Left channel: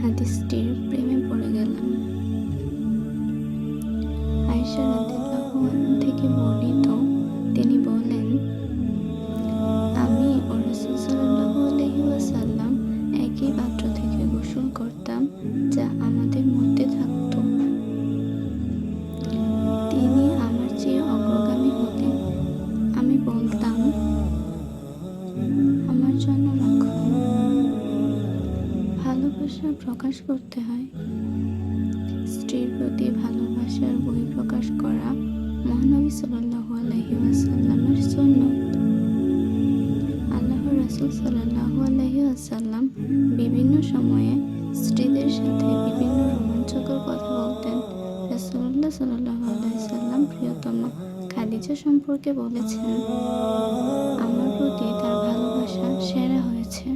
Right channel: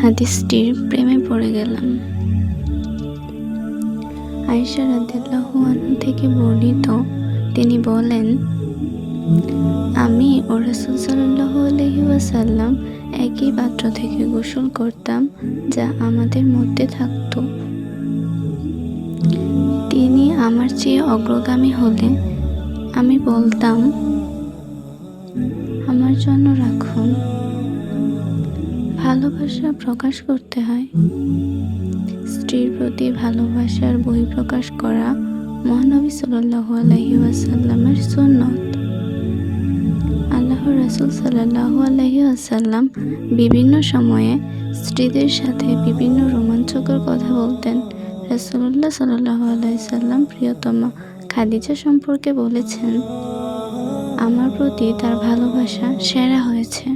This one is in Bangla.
হাদিসটির প্রেমে পড়ে গেলাম। আয়েশা রাদিয়াল্লাহু আনহা থেকে বর্ণিত, তিনি বলেন, আমি ও রাসূল সাল্লাল্লাহু আলাইহি ওয়াসাল্লাম একই পাত্র থেকে গোসল করতাম যা আমাদের মধ্যে থাকত। তিনি আমার চেয়ে অগ্রগামী হলে আমি বলতাম, আমার জন্য রাখুন। ভালোবাসা প্রকাশ করতে হয়। স্ত্রীর প্রতি ভালোবাসার বহিঃপ্রকাশ করা মহানবী সাল্লাল্লাহু আলাইহি ওয়াসাল্লামের সুন্নত। আল্লাহর রাসূল সাল্লাল্লাহু আলাইহি ওয়াসাল্লাম বিভিন্ন সময়ে স্ত্রীদের সাথে বিভিন্ন রোমাঞ্চকর কথা বলতেন। রাসূলুল্লাহ সাল্লাল্লাহু আলাইহি ওয়াসাল্লাম প্রিয়তম খাদিজা সম্পর্কে বলেছেন, আমার প্রতি তার ভালোবাসা সেরা হয়েছে।